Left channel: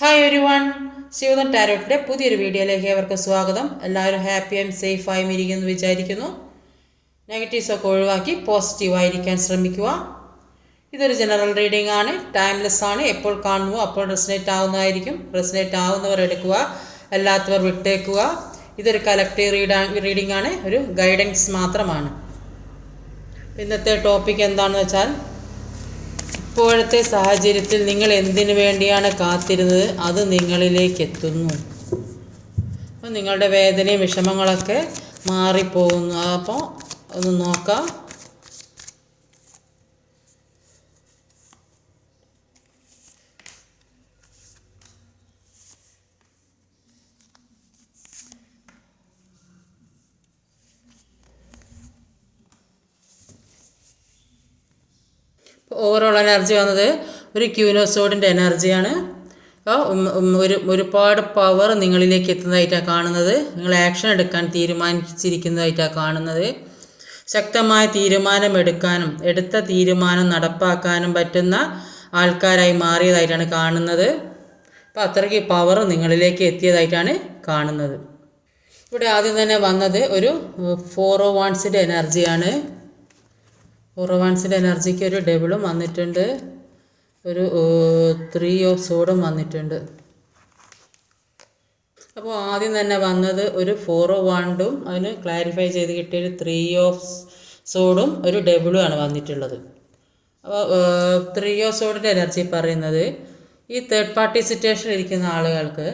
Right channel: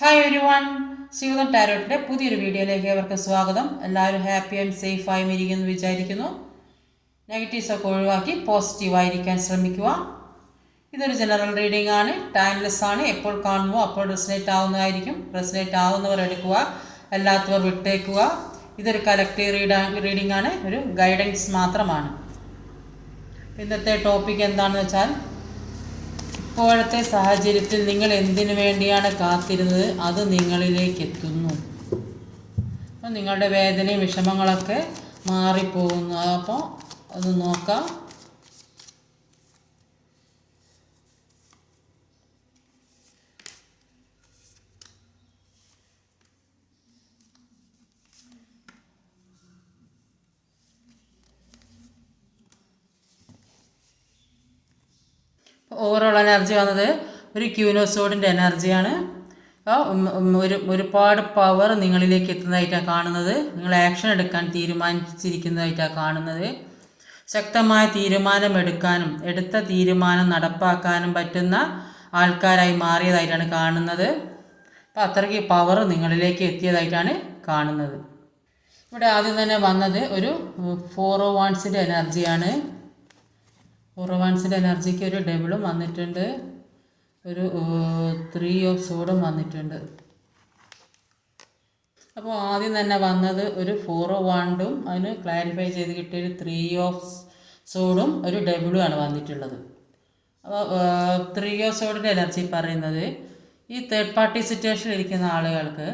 Hi ഒരു one Shivadan ടാരോട്ടിന്റെ പുതിയൊരു വീഡിയോയിലേക്ക് ഏവർക്ക് സ്വാഗതം. എല്ലാവരും ഹാപ്പി ആൻഡ് സേഫായും ഇരിക്കുമെന്ന് വിചാരിക്കുന്നു. നെഗറ്റീവ്സൊക്കെ ഒഴിവാക്കി പോസിറ്റീവായിരിക്കാൻ ശ്രമിക്കുക. ഇതൊരു ജനറൽ റീഡിംഗ് ആണ് ടൈംലെസ് ആണ്. എപ്പോൾ കാണുമോ അപ്പോൾ റെസിനേറ്റ് ആവുന്നതായിരിക്കും. റെസിനേറ്റ് ആവുന്നവർ എടുക്കുക അല്ലാത്തവർ വിട്ടേക്കുക. ഇതൊരു കലക്റ്റീവ് റീഡാ റീഡിംഗ് ആണ് ഒരു ഗൈഡൻസ് മാത്രമാണ്. ഇന്നത്തെ ടോപ്പിക് എന്താണെന്ന് വെച്ചാൽ ഇപ്പോഴത്തെ സാഹചര്യത്തിൽ നിങ്ങൾ എന്തിനു വേണ്ടിയാണ് കാത്തിരുന്നത്? അത് നിങ്ങളിലേക്ക് എത്തുന്നു അപ്പം നിങ്ങളുടെ വേദനയും വിഷമങ്ങളൊക്കെ മാറിപ്പോകുന്നു. അപ്പോൾ ഒന്ന് നോക്കാം. ഓവറോൾ എനർജി വന്നത് ഒരു ക്യൂനോസോഡിന്റെ എനർജിയാണ് അപ്പോൾ ഒരു ഒരുപാട് പവർ നിങ്ങളിലേക്ക് എത്തുന്നതായിട്ടാണ് കാണുന്നത്. നിങ്ങൾ ആക്ഷൻ എടുക്കാൻ തീരുമാനിച്ചിരിക്കുന്നതായിട്ടാണ് കാണുന്നത്. ശക്തമായ തീരുമാനമെടുക്കാനും എടുത്ത തീരുമാനം നടപ്പാക്കാനും പറ്റുന്ന ആൾക്കാരായി മാറിയതായിട്ടാണ് കാണുന്നത്. അപ്പോൾ അത്രയ്ക്ക് പവർ നിങ്ങളിലേക്ക് എത്തിയതായിട്ടാണ് കാണുന്നത്. ഇവിടെ ആദ്യം തന്നെ വന്നത് ഒരു ഫോർ ഓ വൺസിന്റെ എനർജിയാണ് ഉറവാൻസിന്റെ എനർജിക്ക് ഒരു ഡബിളും വന്നിട്ടുണ്ട്. ഒരു ത്രീ ഓഫ് സോഡും വന്നിട്ടുണ്ട്. അപ്പോൾ ആദ്യം തന്നെ വന്നത് ഒരു ഫോർ ഓഫ് വണ്ടും അതിന് ക്ലാരിഫൈ ചെയ്ത് കിട്ടിയ ഒരു ത്രീ ഓഫ് സോഡും ഒരു ഡബിളും ആണ് വന്നിട്ടുള്ളത്. അപ്പോൾ ത്രീ ഓഫ് സോഡിന്റെ എനർജി പറയുന്നത് ഈ തേർഡ് പാർട്ടി സിറ്റുവേഷനിൽ ഇരിക്കുന്ന ആളുകൾക്ക്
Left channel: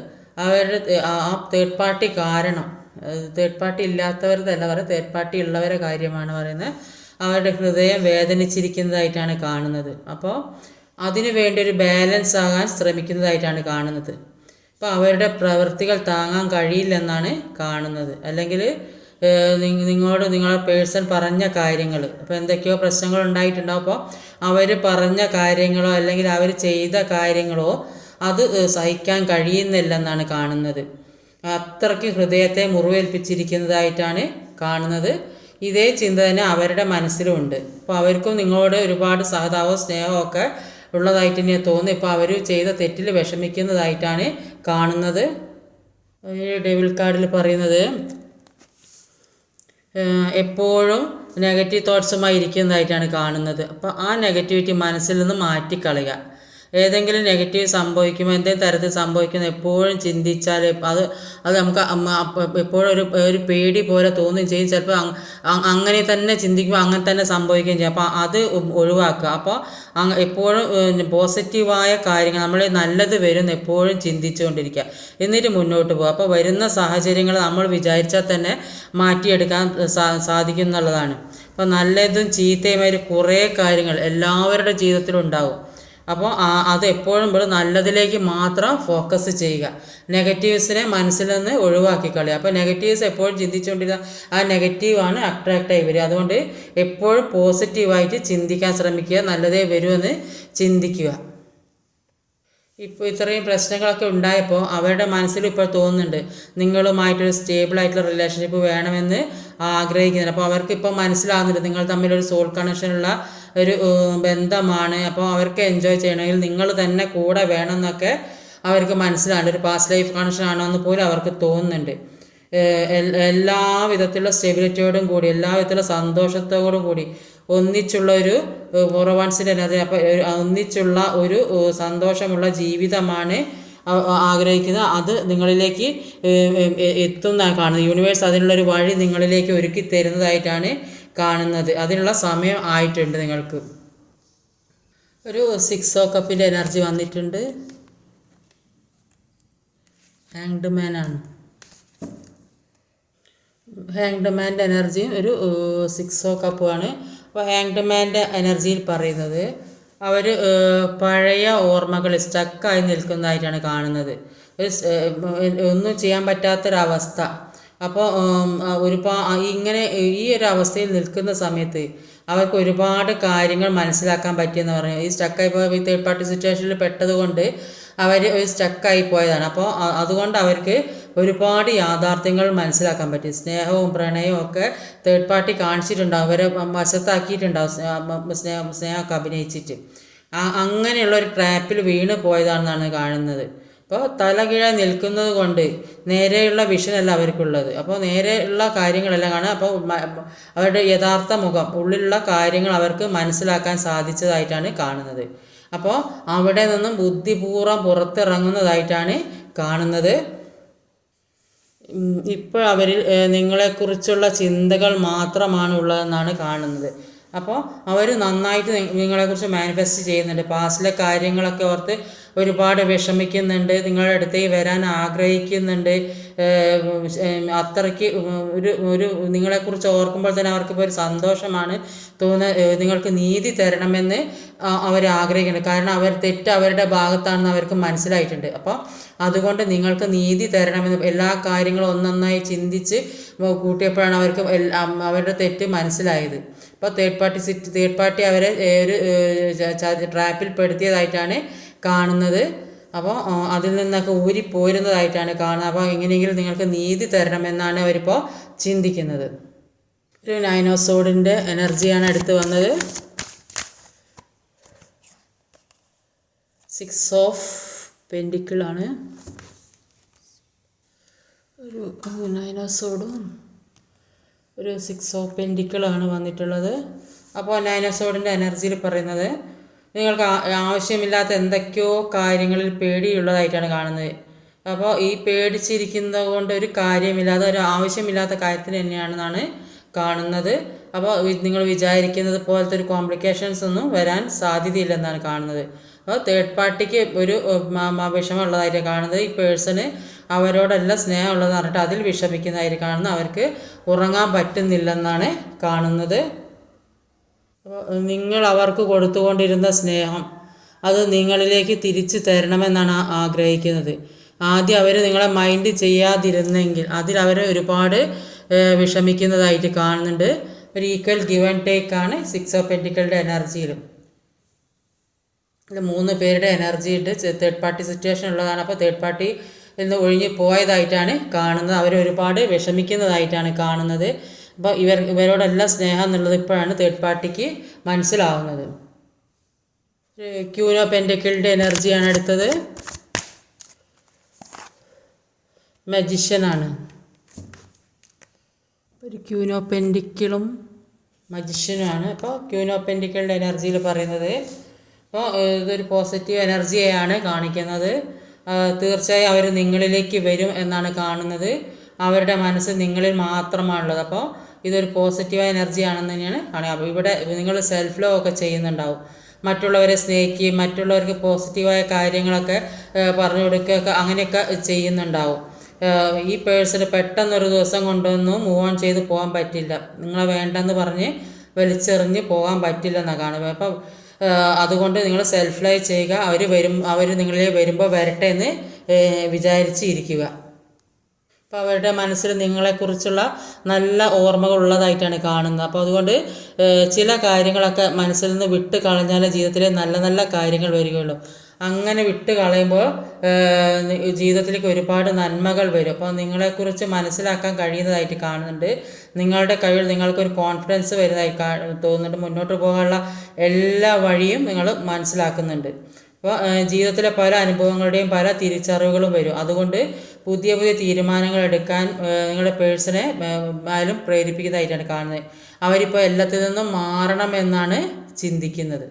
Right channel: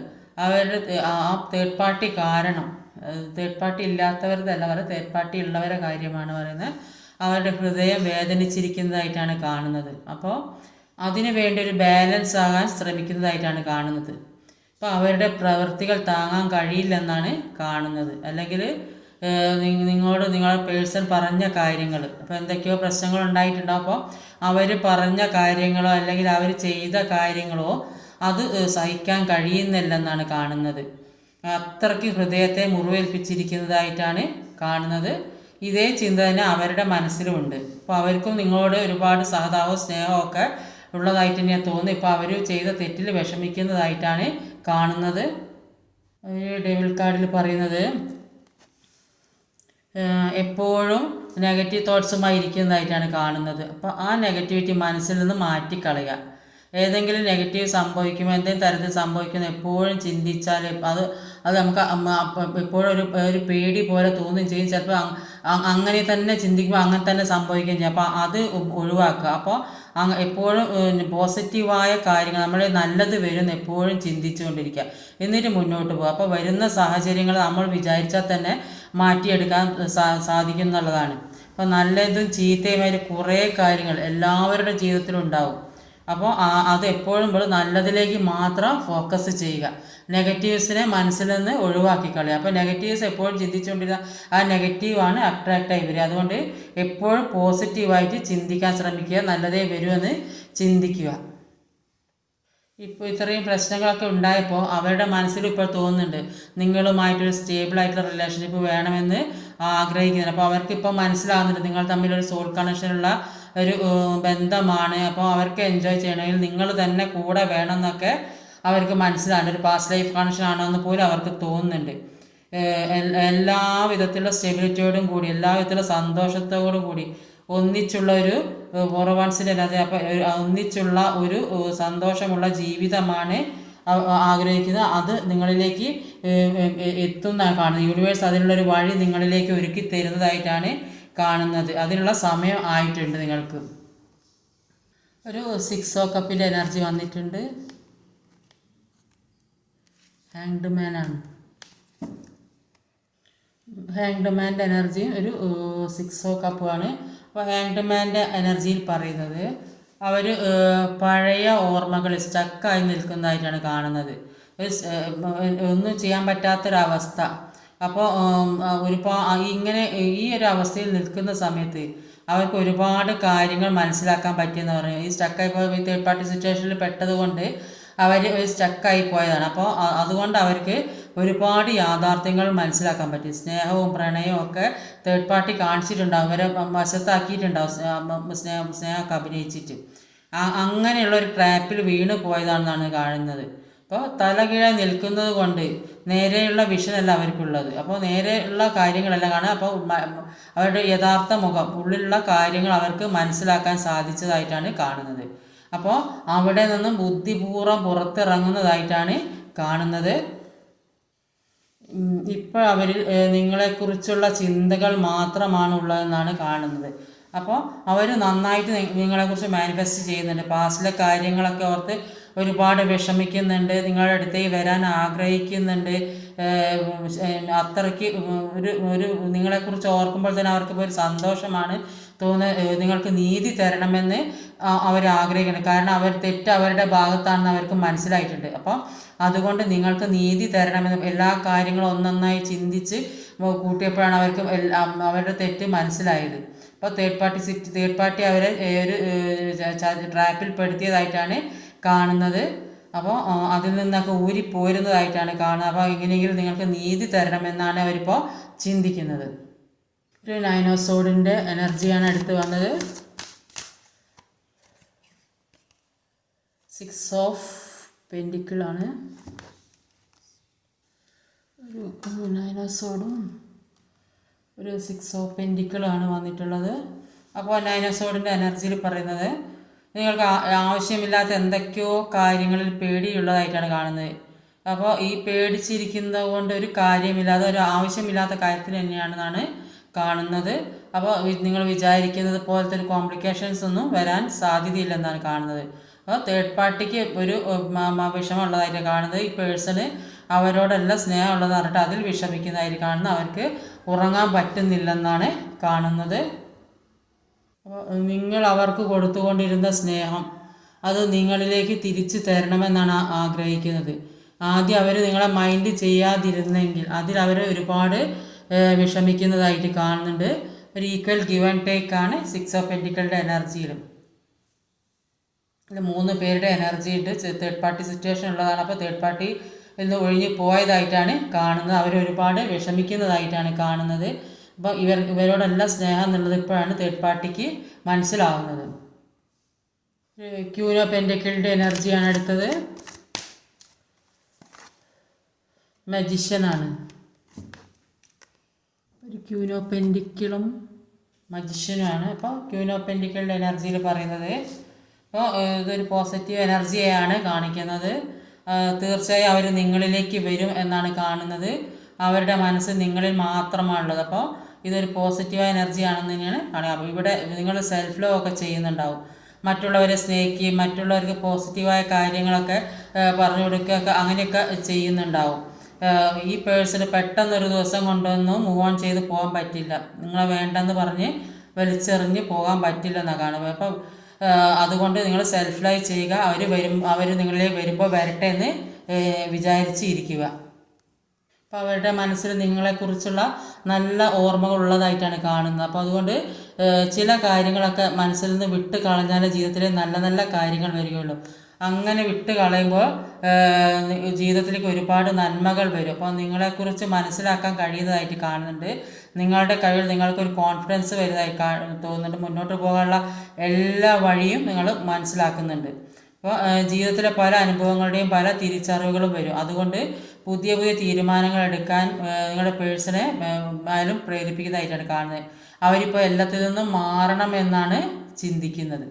അവരുടെ ആ തേർഡ് പാർട്ടി കാരണം തേർഡ് പാർട്ടി ഇല്ലാത്തവർ തന്നെ പറയാം തേർഡ് പാർട്ടി ഉള്ളവരെ കാര്യമാണ് പറയുന്നത്. അവരുടെ ഹൃദയം വേദനിച്ചിരിക്കുന്നതായിട്ടാണ് കാണുന്നത്. അപ്പോൾ അതിനു വേണ്ടി ഒരു ബാലൻസ് ആകാൻ ശ്രമിക്കുന്നതായിട്ടാണ് കാണുന്നത്. അപ്പോൾ അവരുടെ പ്രവൃത്തികൾ താങ്ങാൻ കഴിയില്ലെന്നാണ് കാണുന്നത്. അല്ലെങ്കിൽ നിങ്ങളോട് നിങ്ങളുടെ പേഴ്സൺ പറഞ്ഞ കാര്യങ്ങൾ അപ്പോൾ എന്തൊക്കെയോ പ്രശ്നങ്ങൾ ഉണ്ടായിട്ടുണ്ടാവും അപ്പോൾ അവർ പറഞ്ഞ കാര്യങ്ങളോ അല്ലെങ്കിൽ അവർ ചെയ്ത കാര്യങ്ങളോ അത് സഹിക്കാൻ കഴിയുന്നില്ലെന്നാണ് കാണുന്നത്. അത്രയ്ക്ക് ഹൃദയത്തെ മുറിവേൽപ്പിച്ചിരിക്കുന്നതായിട്ടാണ് കാണുന്നത്. ഇതേ ചിന്ത തന്നെ അവരുടെ മനസ്സിലുമുണ്ട് അപ്പോൾ അവർക്കും നിങ്ങളോട് ഒരുപാട് സഹതാപവും സ്നേഹവും ഒക്കെ ഉള്ളതായിട്ട് തന്നെ. തോന്നുന്നു ഇപ്പോൾ അവർ ചെയ്ത തെറ്റിൽ വിഷമിക്കുന്നതായിട്ടാണ് കാണുന്നത്. ഡെബിൾ കാർഡിൽ പറയുന്നത് എപ്പോഴും നെഗറ്റീവ് തോട്ട്സുമായി ഇരിക്കുന്നതായിട്ടാണ് കാണുന്നത്. അപ്പോൾ ആ നെഗറ്റിവിറ്റി മനസ്സിൽ നിന്ന് മാറ്റിക്കളയുക. ഏതെങ്കിലും നെഗറ്റീവ് സംഭവിക്കുമോ എന്തെങ്കിലും തരത്തിൽ സംഭവിക്കുന്ന എപ്പോഴും ചിന്തിച്ചാൽ അത് അത് നമുക്ക് എപ്പോഴും ഒരു ഒരു പേടി പോലെ തോന്നുകയും ചെയ്യും. ചിലപ്പോൾ അങ്ങനെ തന്നെ ചിന്തിക്കുമ്പോൾ അങ്ങനെ തന്നെ സംഭവിക്കുകയും ചെയ്യും. അപ്പോൾ അത് ഒഴിവാക്കുക. അപ്പോൾ എപ്പോഴും പോസിറ്റീവായ കാര്യങ്ങൾ നമ്മൾ നല്ലത് വരുന്ന എപ്പോഴും ചിന്തിച്ചുകൊണ്ടിരിക്കുക. എന്നിട്ട് മുന്നോട്ട് പോകുക അപ്പോൾ വരുന്ന സാഹചര്യങ്ങൾ നമ്മൾ വിചാരിച്ചാൽ തന്നെ മാറ്റിയെടുക്കാൻ സാധിക്കും എന്നുള്ളതാണ്. അപ്പോൾ നല്ലതും ചീത്തയുമായ കുറേ കാര്യങ്ങൾ എല്ലാവരുടെ ജീവിതത്തിലും ഉണ്ടാവും. അപ്പോൾ അത് എപ്പോഴും ഇവിടെ നല്ലതിലേക്ക് മാത്രം ഫോക്കസ് ചെയ്യുക. നെഗറ്റീവ്സിനെ മനസ്സിൽ നിന്ന് ഒഴിവാക്കി കളയുക. അപ്പോൾ നെഗറ്റീവ്സ് എപ്പോഴും ചിന്തിച്ചുകൊണ്ടിരുന്ന ആ നെഗറ്റീവാണ് അട്രാക്റ്റായി വരിക. അതുകൊണ്ട് എപ്പോഴും പോസിറ്റീവായിട്ട് ചിന്തിക്കാൻ ശ്രമിക്കുക. നല്ലതേ വരുമെന്ന് ചിന്തിക്കുക. ഇപ്പോൾ ഇത്രയും പ്രശ്നങ്ങളൊക്കെ ഉണ്ടായപ്പോൾ അവരുടെ മനസ്സിൽ ഇപ്പോൾ തോന്നുന്നുണ്ട് നിങ്ങളുമായിട്ടൊരു സ്റ്റേബിൾ ആയിട്ടുള്ള റിലേഷൻഷിപ്പ് വേണമെന്ന് ആഗ്രഹിക്കുന്നുണ്ട്. അപ്പോൾ അവർക്ക് ഇപ്പോൾ മനസ്സിലാകുന്നുണ്ട് നിങ്ങൾ തമ്മിലൊരു സോൾ കണക്ഷനുള്ള ഒരു ബന്ധമാണ്. അപ്പോൾ അവർക്ക് എൻജോയ് ചെയ്യണമെങ്കിൽ നിങ്ങൾ തന്നെ കൂടെ വേണം എന്നൊക്കെ അവർക്ക് മനസ്സിലാണ് ഒരു പാസ്റ്റ് ലൈഫ് കണക്ഷൻ ആണോ എന്ന് പോലും അവർക്ക് തോന്നുന്നുണ്ട്. എല്ലാ വിധത്തിലുള്ള സ്റ്റെബിലിറ്റിയോടും കൂടി എല്ലാ വിധത്തിലുള്ള സന്തോഷത്തോടും കൂടി ഒന്നിച്ചുള്ള ഒരു ഫോർവാൻസിന്റെ അല്ലാതെ അപ്പോൾ ഒന്നിച്ചുള്ള ഒരു സന്തോഷമുള്ള ജീവിതമാണ് ആഗ്രഹിക്കുന്നത്. അത് നിങ്ങളിലേക്ക് എത്തുന്ന കാണുന്നത്. യൂണിവേഴ്സ് അതിനുള്ളൊരു വഴി നിങ്ങളിലേക്ക് ഒരുക്കി തരുന്നതായിട്ടാണ് കാണുന്നത്. അതിനുള്ള സമയം ആയിട്ടുണ്ട് നിങ്ങൾക്ക്. ഒരു സിക്സ് ഓ കപ്പിന്റെ എനർജി വന്നിട്ടുണ്ട്. ഹാങ്ഡ് മാനാണ് ഹാങ്ഡ് മാന്റെ എനർജിയും ഒരു സിക്സ് ഓ കപ്പുമാണ് അപ്പോൾ ഹാങ്ഡ് മാന്റെ എനർജിയിൽ പറയുന്നത് അവർ പഴയ ഓർമ്മകൾ സ്റ്റക്കായി നിൽക്കുന്നതായിട്ടാണ് കാണുന്നത്. ഒന്നും ചെയ്യാൻ പറ്റാത്തൊരവസ്ഥ. അപ്പോൾ ഒരുപാട് ഇങ്ങനെ ഈ ഒരു അവസ്ഥയിൽ നിൽക്കുന്ന സമയത്ത് അവർക്ക് ഒരുപാട് കാര്യങ്ങൾ മനസ്സിലാക്കാൻ പറ്റിയെന്ന് പറഞ്ഞു. ഈ സ്റ്റക്കായി പോയ തേർഡ് പാർട്ടി സിറ്റുവേഷനിൽ പെട്ടതുകൊണ്ട് അവർ സ്റ്റക്കായി പോയതാണ്. അപ്പോൾ അതുകൊണ്ട് അവർക്ക് ഒരുപാട് യാഥാർത്ഥ്യങ്ങൾ മനസ്സിലാക്കാൻ പറ്റി. സ്നേഹവും പ്രണയവും ഒക്കെ തേർഡ് പാർട്ടി കാണിച്ചിട്ടുണ്ടാവും. അവരെ വശത്താക്കിയിട്ടുണ്ടാവും സ്നേഹ സ്നേഹമൊക്കെ അഭിനയിച്ചിട്ട്. അങ്ങനെയുള്ള ഒരു ട്രാപ്പിൽ വീണ് പോയതാണെന്നാണ് കാണുന്നത്. അപ്പോൾ തലകീഴായി നിൽക്കുന്നത് കൊണ്ട് നേരെയുള്ള വിഷനല്ല അവർക്കുള്ളത്. അപ്പോൾ നേരെയുള്ള കാര്യങ്ങളെല്ലാം കാണാം അപ്പോൾ അവരുടെ യഥാർത്ഥ മുഖം ഉള്ളിലുള്ള കാര്യങ്ങൾ അവർക്ക് മനസ്സിലാക്കാൻ സാധിച്ചതായിട്ടാണ് കാണുന്നത്. അപ്പോൾ അവിടെ നിന്നും ബുദ്ധിപൂർവം പുറത്തിറങ്ങുന്നതായിട്ടാണ് കാണുന്നത്. ഇപ്പോൾ അവരിൽ നിങ്ങളെക്കുറിച്ചുള്ള ചിന്തകൾ മാത്രമാണ് ഉള്ളതെന്നാണ് കാണുന്നത്. അപ്പോൾ അവർ നന്നായിട്ട് നിങ്ങളെക്കുറിച്ച് മാനിഫെസ്റ്റ് ചെയ്യുന്നുണ്ട്. പാസ്റ്റിലെ കാര്യങ്ങളൊക്കെ ഓർത്ത് ഒരുപാട് വിഷമിക്കുന്നുണ്ട് നിങ്ങളുടെ അടുത്തേക്ക് വരാൻ ആഗ്രഹിക്കുന്നുണ്ട്. അത്രയ്ക്ക് ഒരു ഒരു നിങ്ങളെക്കുറിച്ച് ഓർക്കുമ്പോൾ തന്നെ അവർക്കിപ്പോൾ ഒരു സന്തോഷമാണ് തോന്ന നിങ്ങൾക്ക് നീതി തരണമെന്ന് അവർ ആഗ്രഹിക്കുന്നുണ്ട്. കാരണം അവർ തെറ്റ് അവരുടെ ഭാഗത്താണെന്ന് അവർക്ക് മനസ്സിലായിട്ടുണ്ട്. അപ്പോൾ അതുകൊണ്ട് നിങ്ങൾക്ക് നീതി തരണമെന്ന് എല്ലാ കാര്യങ്ങളും ഒന്നൊന്നായി ചിന്തിച്ച് കൂട്ടിയപ്പോഴാണ് അവർക്ക് അവരുടെ തെറ്റ് മനസ്സിലായത്. അപ്പോൾ third party sit third party അവരെ ഒരു ട്രാപ്പിൽ പെടുത്തിയതായിട്ടാണ് കാണുന്നത്. അപ്പോൾ അതിൽ നിന്നൊക്കെ ഊരിപ്പോരുന്നതായിട്ടാണ് കാണുന്നത് അപ്പോൾ എങ്ങനെയെങ്കിലും നിങ്ങൾക്ക് നീതി തരണമെന്നാണ് അവരിപ്പോൾ ചിന്തിക്കുന്നത്. ഒരു നൈനോസോഡിന്റെ എനർജിയാണ് എടുത്ത് വന്നത്. സിക്സ് ഓഫ് പെൻഡിക്കിളാണ് ഒരു നൈനോസോഡും ഒരു സിക്സ് ഓഫ് പെൻഡിക്കിളാണ് വന്നിട്ടുള്ളത്. അപ്പോൾ നൈനോസോഡിന്റെ എനർജിയിൽ പറയുന്നത് നിങ്ങൾക്ക് ആവശ്യമില്ലാത്ത എന്തൊക്കെയോ കാര്യങ്ങളിൽ പേടിയുള്ളതായിട്ടാണ് കാണുന്നത്. അപ്പോൾ ഈ പേടിച്ചിരിക്കുന്നത് കൊണ്ട് ഒരു കാര്യമില്ലാതെ ഒരു ആവശ്യമില്ലാത്ത കാര്യത്തിന് തന്നെയാണെന്നാണ് കാണുന്നത്. അപ്പോൾ നിങ്ങൾ വിചാരിക്കുന്നത് പോലത്തെ ഒരു കോംപ്ലിക്കേഷൻസ് ഒന്നും വരാൻ സാധ്യതയില്ലെന്നാണ് കാണുന്നത്. അപ്പോൾ തേർഡ് പാർട്ടിക്ക് ഒരു വിഷമമുള്ളതായിട്ട് കാണുന്നത് ഈ പേഴ്സണ് അവരോടെല്ലാം സ്നേഹമുള്ളതെന്ന് പറഞ്ഞിട്ട് അതിൽ വിഷമിക്കുന്നതായിട്ട് കാണുന്നത്. അവർക്ക് ഉറങ്ങാൻ പറ്റുന്നില്ലെന്നാണ് കാണുന്നത്. നിങ്ങൾ അവർക്ക് കൊടുത്തുകൊണ്ടിരുന്ന സ്നേഹം അത് നിങ്ങളിലേക്ക് തിരിച്ചു തരണമെന്നാണ് ആഗ്രഹിക്കുന്നത്. ആദ്യം അവർ നിങ്ങളെ മൈൻഡ് ചെയ്യാതിരുന്നെങ്കിൽ അതിൽ അവർ ഒരുപാട് വിഷമിക്കുന്നതായിട്ട് കാണുന്നുണ്ട്. ഒരു ഈക്വൽ ഗിവ് ആൻഡ് ടേക്ക് ആണ് സിക്സ് ഓഫ് പെന്റിക്കളുടെ എനർജിയിലും മൂന്ന് പേരുടെ എനർജി ഉണ്ട്. തേർഡ് പാർട്ടി സിറ്റുവേഷൻ ഉള്ളതാണ്. അപ്പോൾ തേർഡ് പാർട്ടി നിന്ന് ഒഴിഞ്ഞു പോയതായിട്ടാണ് കാണുന്നത്. അവർ ഒരുപാട് വിഷമിക്കുന്നതായിട്ടാണ് കാണുന്നത്. അപ്പോൾ ഇവർ ഇവരോടെല്ലാം സ്നേഹം എന്നുള്ളത് ഇപ്പോഴാണ് തേർഡ് പാർട്ടിക്ക് മനസ്സിലാവുന്നത്. ക്യൂനോ പെൻഡക്കിളുടെ എനർജിയാണ് എടുത്തത് മജിഷ്യനാണ് ഒരു ക്യൂനോ പെൻഡിക്കിളും മജിഷ്യനുമാണ് അപ്പോൾ ക്യൂനോ പെൻഡിക്കിളുടെ എനർജിയിൽ പറയുന്നത്. അപ്പോൾ ഇതൊരു പോസിറ്റീവ് എനർജിയെയാണ് കാണിക്കുന്നത്. തീർച്ചയായും അവർ നിങ്ങളിലേക്ക് വരും എന്നാണ് കാണുന്നത്. അവരുടെ മനസ്സ് നിങ്ങളിൽ മാത്രമാണുള്ളത്. അപ്പോൾ ഇതൊരു പോസിറ്റീവായ എനർജി ആണെന്ന് തന്നെയാണ് കാണുക. അപ്പോൾ ഇവിടെ നിങ്ങൾ സെൽഫ് ലോ ഒക്കെ ചെയ്യുന്നുണ്ടാവും. മറ്റുള്ളവരെ സ്നേഹിക്കുകയും മറ്റുള്ളവർക്ക് പോസിറ്റീവായ കാര്യങ്ങളൊക്കെ പറഞ്ഞു കൊടുക്കുകയൊക്കെ അങ്ങനെയൊക്കെ ചെയ്യുന്നുണ്ടാവും. ഈ പേഴ്സണ് പെട്ടെന്നൊരു ദിവസം കൊണ്ടൊന്നും മൂവ് ഓൺ ചെയ്ത് പോകാൻ പറ്റില്ല. നിങ്ങളെ വേണ്ടെന്ന് പറഞ്ഞ് വലിച്ചെറിഞ്ഞ് പോകാൻ പറ്റില്ലെന്നാണ് കാണുന്നത് അപ്പം അതുകൊണ്ട് നിങ്ങൾ സെൽഫ് ലൈ ചെയ്യുക. അവർ വരും അവർ നിങ്ങളിലേക്ക് വരുമ്പോൾ വരട്ടെ എന്ന് ഏഹ് വിചാരിച്ച് ഇരിക്കുക. അപ്പോൾ അവരുടെ മനസ്സിൽ നിങ്ങളെക്കുറിച്ചുള്ള നല്ല ഓർമ്മകൾ ഉള്ളതായിട്ടാണ് കാണുന്നത്. അപ്പോൾ അതുകൊണ്ട് ചില കാര്യങ്ങളൊക്കെ മനസ്സിൽ നിന്ന് വിട്ട് കളഞ്ഞാലേ ജീവിതത്തിൽ നല്ല നല്ല കാര്യങ്ങൾ വരികയുള്ളൂ. അങ്ങനെ വിട്ട് കളയുമ്പോൾ ജീവിതത്തിലേക്ക് ഒരുപാട് നന്മകൾ വരും. അപ്പോൾ നിങ്ങളെക്കുറിച്ച് മനസ്സിലാക്കാൻ കഴിയുന്നതായിട്ട് കാണുന്നുണ്ട്. നിങ്ങളുടെ കഴിവിൽ നിങ്ങൾക്കൊരു കോൺഫിഡൻസ് വരുന്നതായി തോന്നുന്നുണ്ട്. മുന്നോട്ട് പോകാനുള്ള എല്ലാ വഴിയും നിങ്ങൾ മനസ്സിലാക്കുന്നുണ്ട്. അപ്പോൾ ജീവിതത്തിലെ പല അനുഭവങ്ങളുടെയും പല തിരിച്ചറിവുകളും വരും. അതുകൊണ്ട് പുതിയ പുതിയ തീരുമാനങ്ങൾ എടുക്കാൻ നിങ്ങളുടെ പേഴ്സണെ ആയാലും പ്രേരിപ്പിക്കുന്നതായിട്ടാണ് കാണുന്നത്. അവരിപ്പോൾ എല്ലാത്തിൽ നിന്നും മാറണമെന്നാണ് ചിന്തിക്കുന്നത്.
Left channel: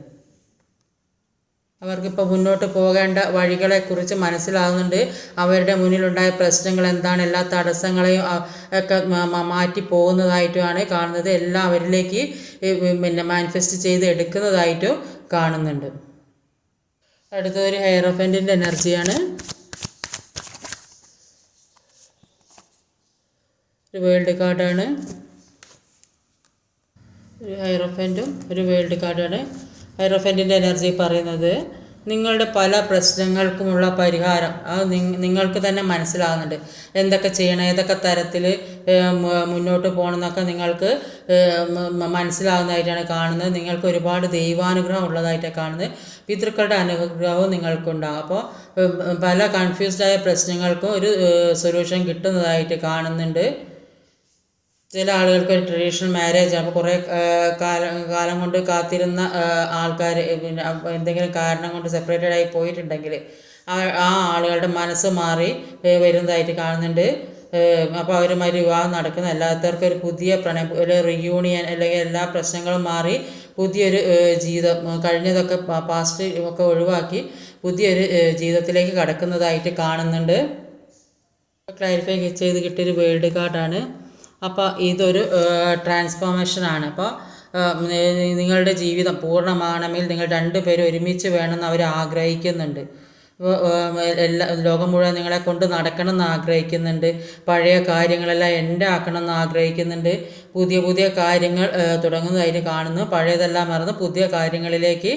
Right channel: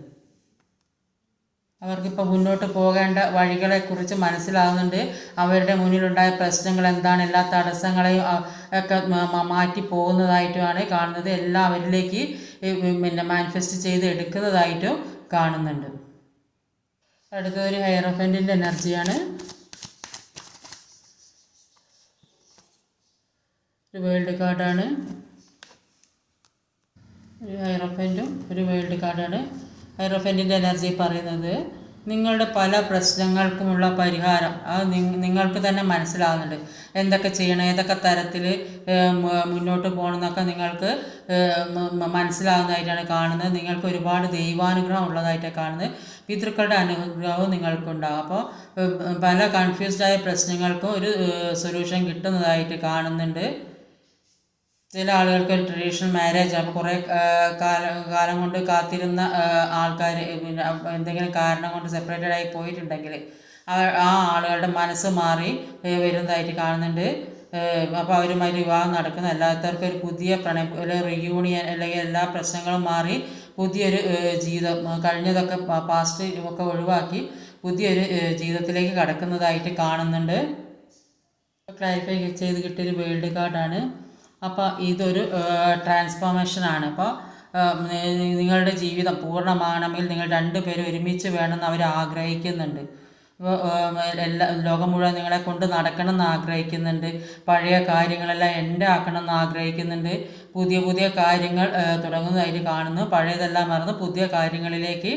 അവർക്കിപ്പോൾ മുന്നോട്ട് പോകേണ്ട വഴികളെക്കുറിച്ച് മനസ്സിലാവുന്നുണ്ട്. അവരുടെ മുന്നിലുണ്ടായ പ്രശ്നങ്ങൾ എന്താണ് എല്ലാ തടസ്സങ്ങളെയും ഒക്കെ മാറ്റി പോകുന്നതായിട്ടുമാണ് കാണുന്നത്. എല്ലാം അവരിലേക്ക് പിന്നെ മാനിഫെസ്റ്റ് ചെയ്ത് എടുക്കുന്നതായിട്ടും കാണുന്നുണ്ട്. അടുത്തൊരു ഹെയറോഫന്റിന്റെ എനർജിയാണ് ഒരു വേൾഡ് കാർഡാണ്. ഒരു ഹൈറോഫന്റും ഒരു വേൾഡ് കാർഡാണ്. ഹൈറോഫന്റിന്റെ എനർജി പറയുന്നത് നിങ്ങളുടെ പല പ്രശ്നങ്ങൾക്കുമുള്ള പരിഹാരം. അത് നിങ്ങൾക്ക് തന്നെ മനസ്സിലാകുന്നുണ്ട് എന്തൊക്കെ ചെയ്യണം ഏതൊക്കെ തരത്തിൽ മുന്നോട്ട് പോകണം എന്നൊക്കെ നിങ്ങൾക്ക് മനസ്സിലാകുന്നതായിട്ടാണ് കാണുന്നത്. നിങ്ങൾക്ക് ഒരുപാട് ദൈവാനുഗ്രഹം ഉള്ളതായിട്ടാണ് കാണുന്നത്. പിതൃക്കളുടെ അനുഗ്രഹവും നിങ്ങൾക്കുണ്ടാകും അപ്പോൾ പല കൺഫ്യൂസ്ഡായ പ്രശ്നങ്ങൾക്കും ഒരു സൊല്യൂഷൻ കിട്ടുന്നതായിട്ട് കാണുന്നുണ്ട്. ചില ആളുകൾക്ക് ട്രഡീഷണൽ മാരേജ് ആണ് കുറേ കാലം കാലം കൊണ്ട് കാത്തിരുന്ന ആൾക്കാർ പിന്നെ എന്തെങ്കിലും കാരണം കൊണ്ട് സെപ്പറേറ്റഡ് ആയി പോയിട്ടുണ്ടെങ്കിൽ ആ ആളുകളുടെ മനസ്സ് മാറി വരുന്നതായിട്ട് കാണുന്നുണ്ട്. അപ്പോൾ അവരുമായി വിവാഹം നടക്കുന്ന അല്ലാത്തവർക്ക് ഒരു പുതിയ പ്രണയം ഒരു റിയൂണിയൻ അല്ലെങ്കിൽ എല്ലാ പ്രശ്നങ്ങളും മാറി പുതിയൊരു ജീവിതം കഴിഞ്ഞതൊക്കെ പാസ്റ്റ് ഒക്കെ ഒഴിവാക്കി പുതിയൊരു ജീവിതത്തിലേക്ക് കടക്കുന്നതായിട്ട് കാണുന്നുണ്ട്. ക്ലാരിഫൈ ചെയ്ത് കിട്ടിയൊരു വേൾഡ് കാർഡാണ് അപ്പോൾ ഇതൊരു ട്രാൻസ്ഫോർമേഷനാണ് അപ്പോൾ നിങ്ങളുടെ ജീവിതം പൂർണമാണെങ്കിൽ നിങ്ങൾ രണ്ടുപേരും ഒരുമിച്ച് വേണമെന്ന് അവർ ആഗ്രഹിക്കുന്നുണ്ട്. എല്ലാ ലോകം മുഴുവൻ നിങ്ങളെ കൊണ്ട് നടക്കണം എന്ന് ആഗ്രഹിക്കുന്നുണ്ട്. പഴയ കാര്യങ്ങളെല്ലാം എന്റെ ആക്കണം എന്ന് ആഗ്രഹിക്കുന്നുണ്ട്. പുതിയ പുതിയ കാര്യങ്ങൾ തുടങ്ങുന്നതായിട്ട് കാണുന്നു. പഴയതെല്ലാം മറന്ന് പുതിയ കാര്യങ്ങളിലേക്ക്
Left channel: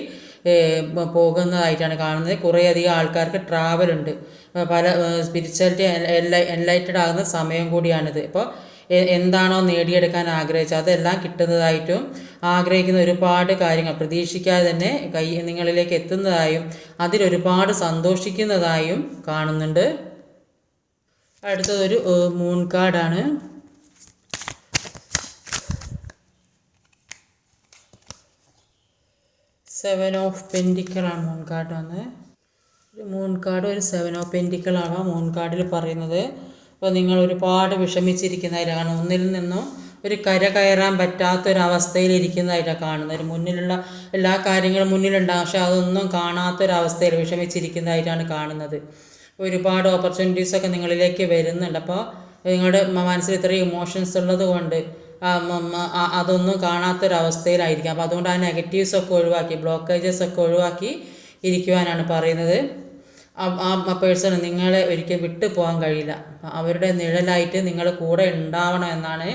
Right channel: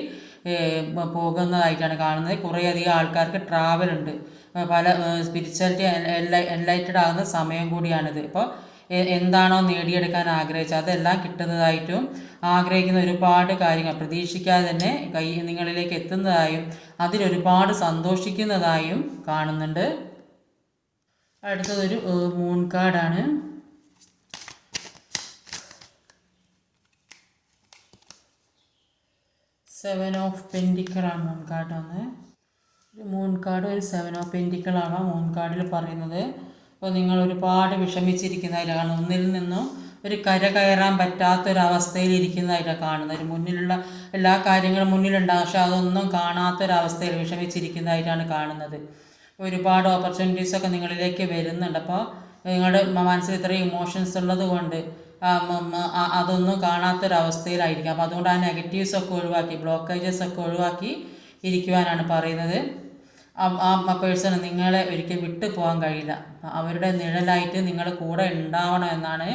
പോകുന്നതായിട്ടാണ് കാണുന്നത്. കുറേയധികം ആൾക്കാർക്ക് ട്രാവലുണ്ട് പല സ്പിരിച്വാലിറ്റി എൻലൈറ്റഡ് ആകുന്ന സമയം കൂടിയാണിത്. അപ്പോൾ എന്താണോ നേടിയെടുക്കാൻ ആഗ്രഹിച്ചത്. അതെല്ലാം കിട്ടുന്നതായിട്ടും ആഗ്രഹിക്കുന്ന ഒരുപാട് കാര്യങ്ങൾ പ്രതീക്ഷിക്കാതെ തന്നെ കൈ നിങ്ങളിലേക്ക് എത്തുന്നതായും അതിലൊരുപാട് സന്തോഷിക്കുന്നതായും കാണുന്നുണ്ട്. അടുത്തതൊരു മൂൺ കാർഡാണ് സെവൻ ഓഫ് പെൻഡിക്കളാണ് മൂൺ കാർഡ് വന്നത് ഒരു മൂൺ കാർഡ് ഒരു സെവൻ ഓഫ് പെൻഡിക്കളാണ് മൂൺ കാർഡിൽ പറയുന്നത്. അപ്പോൾ നിങ്ങൾ ഒരുപാട് വിഷമിച്ചിരിക്കുന്നതായിട്ടാണ് ഒന്നിൽ നിന്നും ഒരു കര കയറാൻ പറ്റാത്തൊരവസ്ഥയിലിരിക്കുന്നതായിട്ടാണ് കാണുന്നത്. ഒരു മുന്നിലുള്ള എല്ലാ കാര്യങ്ങളും മുന്നിലുണ്ടാകും പക്ഷെ അതൊന്നും കാണാത്തൊരവസ്ഥയിൽ വിഷമിച്ചിരിക്കുന്നതായിട്ടാണ് കാണുന്നത്. ഒരുപാട് ഓപ്പർച്യൂണിറ്റീസൊക്കെ നിങ്ങളിലേക്ക് വരുന്നുണ്ട്. അപ്പോൾ നിങ്ങളുടെ മനസ്സിൽ ഇത്രയും ഇമോഷൻസ് ഉള്ളത് കൊണ്ട് അതൊന്നും കാണാത്തൊരവസ്ഥയിലായിരിക്കും. അപ്പോൾ അതുകൊണ്ട് ആ നെഗറ്റീവ്സ് ഒക്കെ ഒഴിവാക്കി ബ്ലോക്കേജസ് ഒക്കെ ഒഴിവാക്കി ഇരിക്കുവാനാണ് പറയുന്നത്. ആ പേഴ്സണ് നിങ്ങളെ ഒരിക്കലും വിട്ടു പോകാൻ കഴിയില്ല. അവരുടെ നിഴലായിട്ട് നിങ്ങൾ കൂടെ ഉണ്ടാവണം എന്നാണ്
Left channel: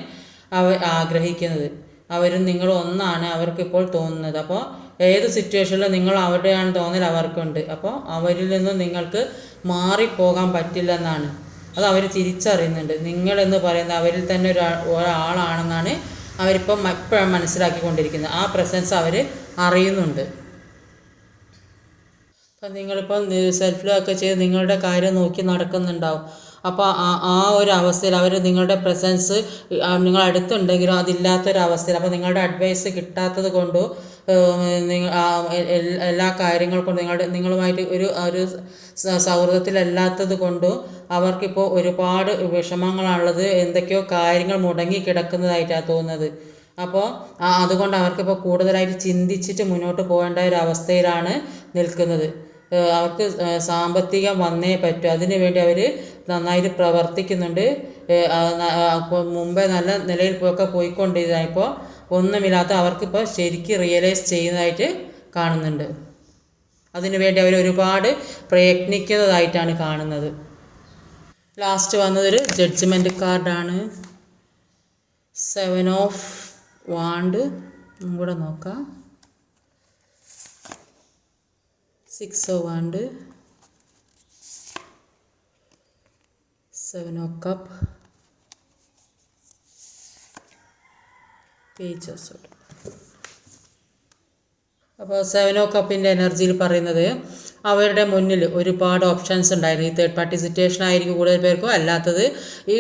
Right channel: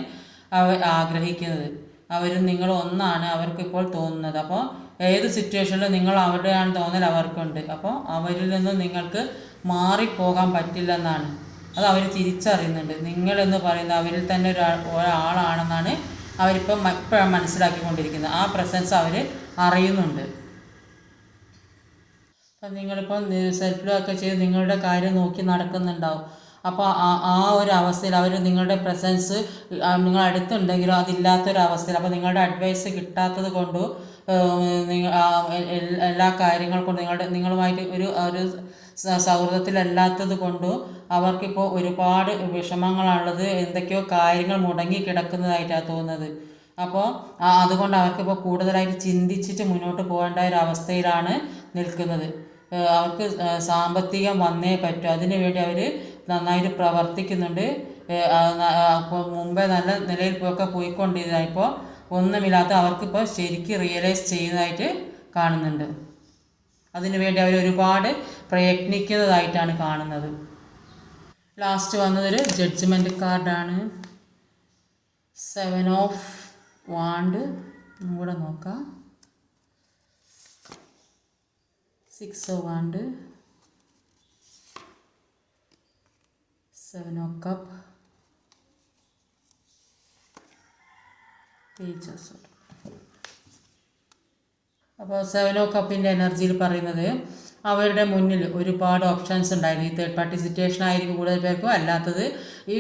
അവർ ആഗ്രഹിക്കുന്നത്. അവരും നിങ്ങൾ ഒന്നാണ് അവർക്കിപ്പോൾ തോന്നുന്നത്. അപ്പോൾ ഏത് സിറ്റുവേഷനിലും നിങ്ങൾ അവരുടെയാണ് തോന്നൽ അവർക്കുണ്ട്. അപ്പോൾ അവരിൽ നിന്ന് നിങ്ങൾക്ക് മാറിപ്പോകാൻ പറ്റില്ലെന്നാണ് അത് അവർ തിരിച്ചറിയുന്നുണ്ട്. നിങ്ങളെന്ന് പറയുന്നത് അവരിൽ തന്നെ ഒരാൾ ഒരാളാണെന്നാണ് അവരിപ്പം എപ്പോഴും മനസ്സിലാക്കിക്കൊണ്ടിരിക്കുന്നത്. ആ പ്രസൻസ് അവർ അറിയുന്നുണ്ട്. അപ്പം നിങ്ങളിപ്പോൾ സെൽഫ് ഒക്കെ ചെയ്ത് നിങ്ങളുടെ കാര്യം നോക്കി നടക്കുന്നുണ്ടാവും. അപ്പോൾ ആ ആ ഒരു അവസ്ഥയിൽ അവർ നിങ്ങളുടെ പ്രസൻസ് നിങ്ങൾ അടുത്തുണ്ടെങ്കിലും അതില്ലാത്തൊരവസ്ഥയിൽ അപ്പോൾ നിങ്ങളുടെ അഡ്വൈസ് കിട്ടാത്തത് കൊണ്ടോ എല്ലാ കാര്യങ്ങൾ കൊണ്ടും നിങ്ങളുടെ നിങ്ങളുമായിട്ട് ഒരു ഒരു സൗഹൃദത്തിലല്ലാത്തത് കൊണ്ടോ അവർക്കിപ്പോൾ ഒരുപാട് വിഷമങ്ങളാണുള്ളത് എന്തൊക്കെയോ കാര്യങ്ങൾ മുടങ്ങി കിടക്കുന്നതായിട്ടാണ് തോന്നുന്നത്. അപ്പോൾ അതുകൊണ്ട് അവർക്കിപ്പോൾ കൂടുതലായിട്ട് ചിന്തിച്ചിട്ട് മുന്നോട്ട് പോകേണ്ട ഒരു അവസ്ഥയിലാണ് നിൽക്കുന്നത്. അവർക്ക് സാമ്പത്തികം വന്നേ പറ്റൂ. അതിനു വേണ്ടി അവർ നന്നായിട്ട് പ്രവർത്തിക്കുന്നുണ്ട്. അപ്പോൾ മുമ്പേ നല്ല നിലയിൽ ഒക്കെ പോയിക്കൊണ്ടിരുന്ന ഇപ്പോൾ ഒന്നുമില്ലാത്ത അവർക്കിപ്പോൾ ശരിക്കും റിയലൈസ് ചെയ്യുന്നതായിട്ട് കാണുന്നുണ്ട്. അതിനു വേണ്ടി അവർ ഒരുപാട് പ്രയത്നിക്കുന്നതായിട്ടാണ് കാണുന്നത്. ലാസ്റ്റ് വന്നതൊരു ജഡ്ജ്മെന്റ് കാർഡാണ് സെവൻ ഓഫ് വാണ്ട് കൂടെ നോക്കാം. Six of wand seven of cup pages അപ്പോൾ സെവൻ ഓ കപ്പിന്റെ എനർജിയിൽ പറയുന്നത് അവരുടെ മുന്നിൽ ഒരുപാട് ഓപ്ഷൻസ് ഉണ്ടായിരുന്നു. ഈ തേർഡ് പാർട്ടി സിറ്റുവേഷൻ ആയിരിക്കും കൂടുതൽ പേർക്കും. അല്ലാത്തത് ഈ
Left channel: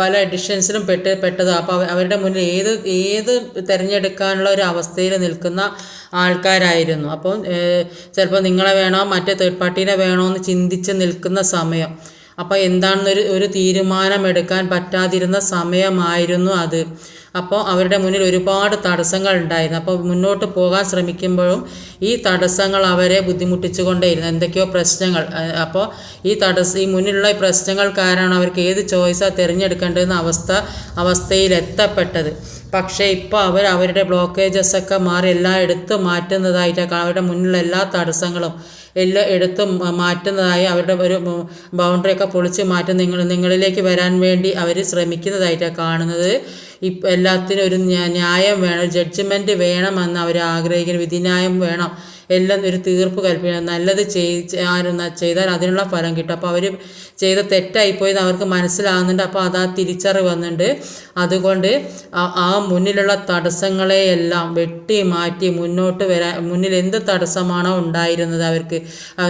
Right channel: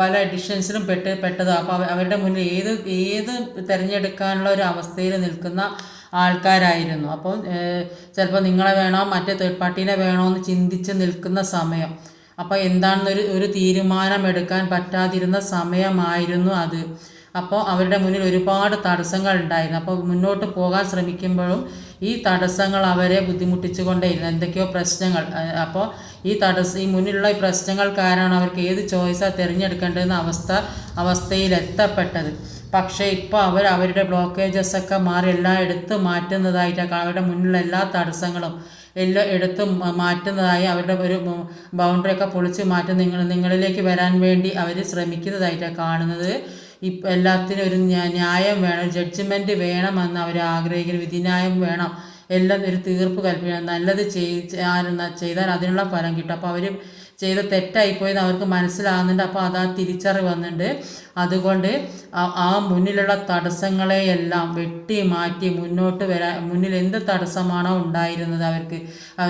പല എഡിഷൻസിലും പെട്ട് പെട്ടത്. അപ്പോൾ അവരുടെ മുന്നിൽ ഏത് ഏത് തിരഞ്ഞെടുക്കാനുള്ള ഒരു അവസ്ഥയിൽ നിൽക്കുന്ന ആൾക്കാരായിരുന്നു. അപ്പോൾ ചിലപ്പോൾ നിങ്ങളെ വേണോ മറ്റേ തേർഡ് പാർട്ടീനെ വേണോ എന്ന് ചിന്തിച്ച് നിൽക്കുന്ന സമയം. അപ്പോൾ എന്താണെന്നൊരു ഒരു തീരുമാനമെടുക്കാൻ പറ്റാതിരുന്ന സമയമായിരുന്നു അത്. അപ്പോൾ അവരുടെ മുന്നിൽ ഒരുപാട് തടസ്സങ്ങൾ ഉണ്ടായിരുന്നു. അപ്പോൾ മുന്നോട്ട് പോകാൻ ശ്രമിക്കുമ്പോഴും ഈ തടസ്സങ്ങൾ അവരെ ബുദ്ധിമുട്ടിച്ചു കൊണ്ടേയിരുന്നു എന്തൊക്കെയോ പ്രശ്നങ്ങൾ. അപ്പോൾ ഈ തടസ്സം ഈ മുന്നിലുള്ള പ്രശ്നങ്ങൾ കാരണമാണ് അവർക്ക് ഏത് ചോയ്സാണ് തിരഞ്ഞെടുക്കേണ്ടതെന്ന അവസ്ഥ അവസ്ഥയിൽ എത്തപ്പെട്ടത് പക്ഷേ ഇപ്പോൾ അവർ അവരുടെ ബ്ലോക്കേജസ് ഒക്കെ മാറി എല്ലാം എടുത്ത് മാറ്റുന്നതായിട്ടാണ് അവരുടെ മുന്നിലുള്ള എല്ലാ തടസ്സങ്ങളും എല്ലാം എടുത്ത് മാറ്റുന്നതായി അവരുടെ ഒരു ബൗണ്ടറി ഒക്കെ പൊളിച്ച് മാറ്റി നിങ്ങൾ നിങ്ങളിലേക്ക് വരാൻ വേണ്ടി അവർ ശ്രമിക്കുന്നതായിട്ടാണ് കാണുന്നത്. ഇപ്പം എല്ലാത്തിനും ഒരു ന്യായം വേണം ജഡ്ജ്മെന്റ് വേണമെന്ന് അവർ ആഗ്രഹിക്കുന്നു വിധിന്യായം വേണം. എല്ലാം ഒരു തീർപ്പ് കൽപ്പിക്കണം. നല്ലത് ചെയ്താൽ അതിനുള്ള ഫലം കിട്ടും. അപ്പോൾ അവർ ചെയ്ത തെറ്റായിപ്പോയെന്ന് അവർക്ക് മനസ്സിലാകുന്നുണ്ട്. അപ്പോൾ അത് ആ തിരിച്ചറിവ് വന്നിട്ടുണ്ട് അതുകൊണ്ട് ആ മുന്നിലുള്ള തടസ്സങ്ങളെയെല്ലാം വെട്ടി മാറ്റി മുന്നോട്ട് വരാൻ മുന്നിൽ എന്ത് തടസ്സമാണോ ഉണ്ടായിരുന്നത് അവർക്ക്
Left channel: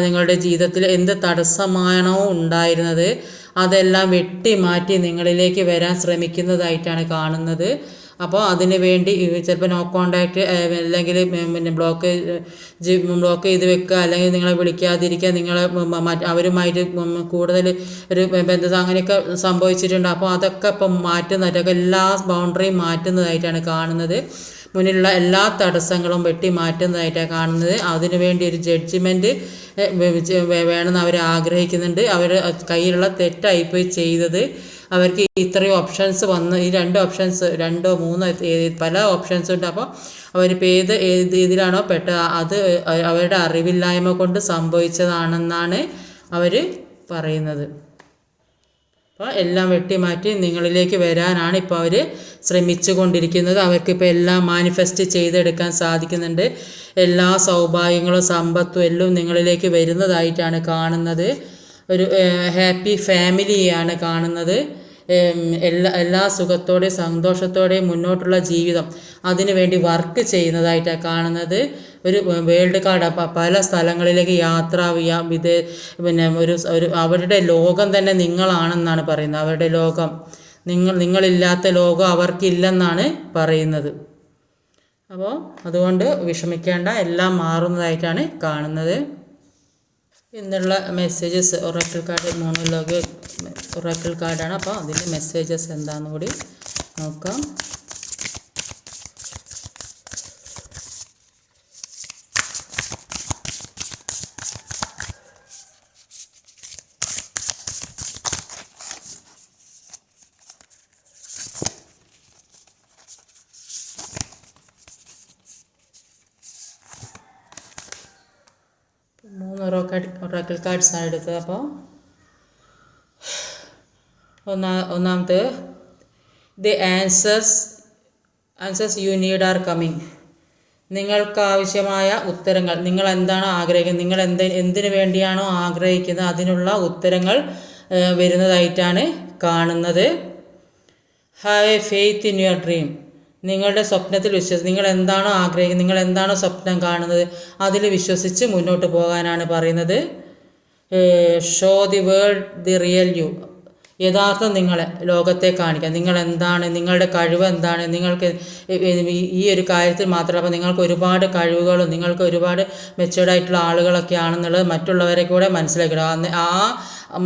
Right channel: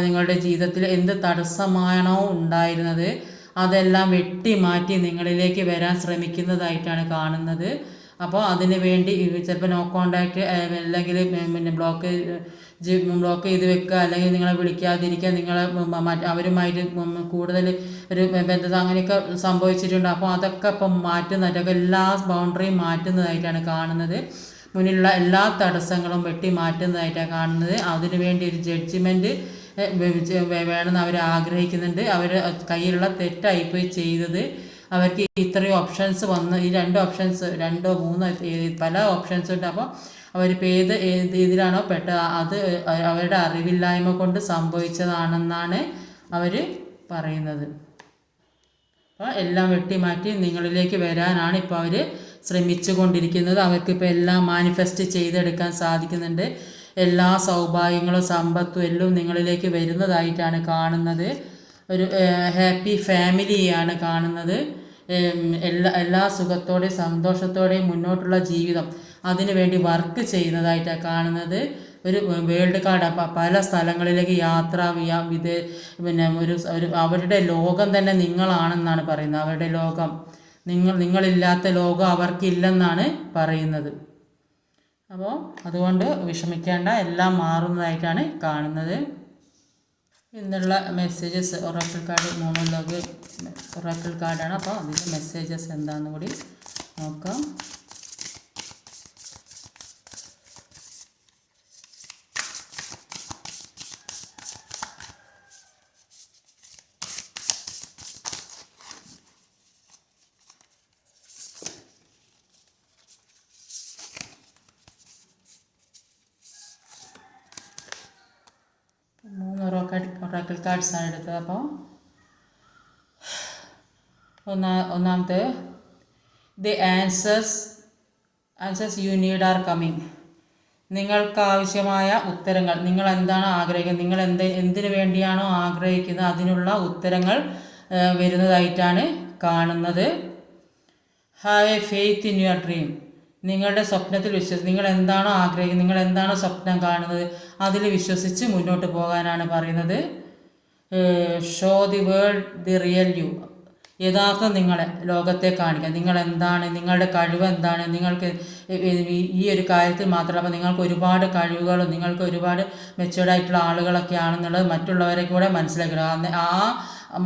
നിങ്ങളുടെ ജീവിതത്തിൽ എന്ത് തടസ്സമാണോ ഉണ്ടായിരുന്നത് അതെല്ലാം വെട്ടി മാറ്റി നിങ്ങളിലേക്ക് വരാൻ ശ്രമിക്കുന്നതായിട്ടാണ് കാണുന്നത്. അപ്പോൾ അതിന് വേണ്ടി ചിലപ്പോൾ നോ കോണ്ടാക്റ്റ് അല്ലെങ്കിൽ പിന്നെ ബ്ലോക്ക് ബ്ലോക്ക് ചെയ്ത് വെക്കുക അല്ലെങ്കിൽ നിങ്ങളെ വിളിക്കാതിരിക്കുക നിങ്ങളെ അവരുമായിട്ട് കൂടുതൽ ഒരു ബന്ധം അങ്ങനെയൊക്കെ സംഭവിച്ചിട്ടുണ്ട്. അപ്പോൾ അതൊക്കെ ഇപ്പം മാറ്റുന്നതായിട്ട് എല്ലാ ബൗണ്ടറിയും മാറ്റുന്നതായിട്ടാണ് കാണുന്നത്. മുന്നിലുള്ള എല്ലാ തടസ്സങ്ങളും വെട്ടി മാറ്റുന്നതായിട്ടാണ് കാണുന്നത്. അതിനു വേണ്ടി ഒരു ജഡ്ജ്മെന്റ് വേണമെന്ന് അവർ ആഗ്രഹിക്കുന്നുണ്ട്. അവർ കയ്യിലുള്ള തെറ്റായിപ്പോയി ചെയ്തത്. അവർക്ക് ഇത്രയും ഓപ്ഷൻസ് വന്ന് ഈ രണ്ട് ഓപ്ഷൻസ് രണ്ടോ മൂന്നോ പല ഓപ്ഷൻസ് ഉണ്ട്. അപ്പോൾ അവരിപ്പോൾ ഏത് ഏത് ഇതിലാണോ പെട്ട അത് അവരുടെ അറിവില്ലായ്മ കൊണ്ട് സംഭവിച്ചതാണെന്നാണ് അവർ പറയുന്നത്. അപ്പോൾ എല്ലാം വെട്ടിമാറ്റി നിങ്ങളിലേക്ക് വരാനാണ് ഇപ്പോൾ അവർ ശ്രമിച്ചു കൊണ്ടിരിക്കുന്നത് അവർക്കിപ്പോൾ എല്ലാം മാനിഫെസ്റ്റ് ചെയ്തെടുക്കാൻ സാധിക്കുന്നുണ്ട്. എല്ലാ സൗഭാഗ്യങ്ങളും സമ്പത്തും എല്ലാം നിങ്ങളിലേക്ക് വരുന്നതായിട്ടാണ് കാണുന്നത്. ഒരു ഹാപ്പി ഫാമിലിയാണ് കാണുന്നത്. എല്ലാ എല്ലാ സുഖത്തോടെയും സന്തോഷത്തോടെയും മുന്നോട്ടുള്ള ജീവിതം അതിനു വേണ്ടി വർക്ക് ചെയ്യുന്നതായിട്ടാണ് കാണുന്നത്. ഒരു വേൾഡ് കാർഡ് അപ്പം പല സ്ഥലങ്ങളിലേക്ക് യാത്ര ഇത് പിന്നെ ഒരു ഒരു അവരുടെ ലോകം തന്നെ നിങ്ങളാണെന്നാണ് പറയുന്നത്. അവരുടെ ലോകം. നിങ്ങൾ നിങ്ങളില്ലാത്ത ലോകം അവർക്കില്ലെന്നാണ് പറയുന്നത്. അപ്പോൾ അതുകൊണ്ട് വിഷമിക്കേണ്ട എല്ലാം മാറുന്നതായിട്ടാണ് കാണുന്നത്. എന്നുള്ള messages oracle card monologue oracle കാർഡാണ് അപ്പോൾ അതിന്റെ മെസ്സേജസ് എന്താണെന്ന് കൂടി നോക്കാം മൂന്ന് ഒറാക്കൽ കാർഡ്സാണ് എടുത്തത് അപ്പോൾ ഒന്നാ ഒന്നാമത്തെ the answers answers you need are coming നിങ്ങൾക്ക് ആവശ്യമായ ഉത്തരങ്ങൾ നിങ്ങൾ എന്താണ് ആഗ്രഹിക്കുന്നത് നിങ്ങൾ എന്ത് എന്തിനു വേണ്ടിയാണോ ആഗ്രഹിക്കുന്നത് അതിനുള്ള ഉത്തരങ്ങൾ വരുന്നതായിട്ടാണ് കാണുന്നത്. Have a faith in your dream നിങ്ങളുടെ സ്വപ്നത്തിൽ വിശ്വസിച്ച് നിങ്ങൾ എന്താണോ ആഗ്രഹിക്കുന്നത് നിങ്ങൾ എന്താണോ സ്വപ്നം കാണുന്നത് അതിൽ വിശ്വസിച്ച് മുന്നോട്ട് പോകാനാണ് പറയുന്നത്. Show the world the real you യഥാർത്ഥം നിങ്ങളെ ലോകത്തെ കാണിക്കുക നിങ്ങൾ എന്താണ് നിങ്ങളുടെ കഴിവ് എന്താണ്? നിങ്ങൾക്ക് ഈ ഒരു കാര്യത്തിൽ മാത്രമല്ല അപ്പോൾ നിങ്ങൾക്ക് ഒരുപാട് കഴിവുകളും നിങ്ങൾക്ക് ഒരുപാട് മെച്ചുവേർഡായിട്ടുള്ള ആളുകളൊക്കെ ആണെന്നുള്ളത് മറ്റുള്ളവരെ കൂടെ മനസ്സിലാക്കണം ആ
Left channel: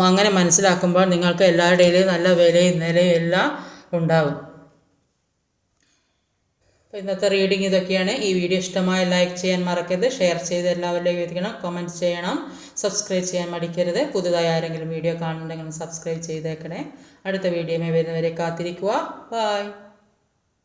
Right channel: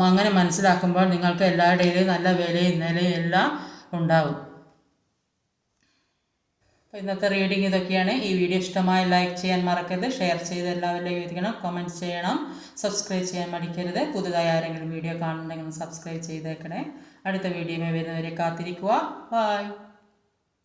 അങ്ങനെ മനസ്സിലാക്കുമ്പോൾ നിങ്ങൾക്ക് എല്ലാവരുടെയും നല്ല വിലയും നിലയും എല്ലാം ഉണ്ടാകും അപ്പോൾ ഇന്നത്തെ റീഡിങ് ഇതൊക്കെയാണ്. ഈ വീഡിയോ ഇഷ്ടമായ ലൈക്ക് ചെയ്യാൻ മറക്കരുത്. ഷെയർ ചെയ്ത് എല്ലാവരുടെയും എത്തിക്കണം കമന്റ് ചെയ്യണം. സബ്സ്ക്രൈബ് ചെയ്യാൻ മടിക്കരുത്. പുതുതായി ആരെങ്കിലും വീഡിയോ കാണുന്നുണ്ടെങ്കിൽ സബ്സ്ക്രൈബ് ചെയ്തേക്കണേ. അടുത്ത വീഡിയോയിൽ വരുന്നവരെ കാത്തിരിക്കുക. ബായ്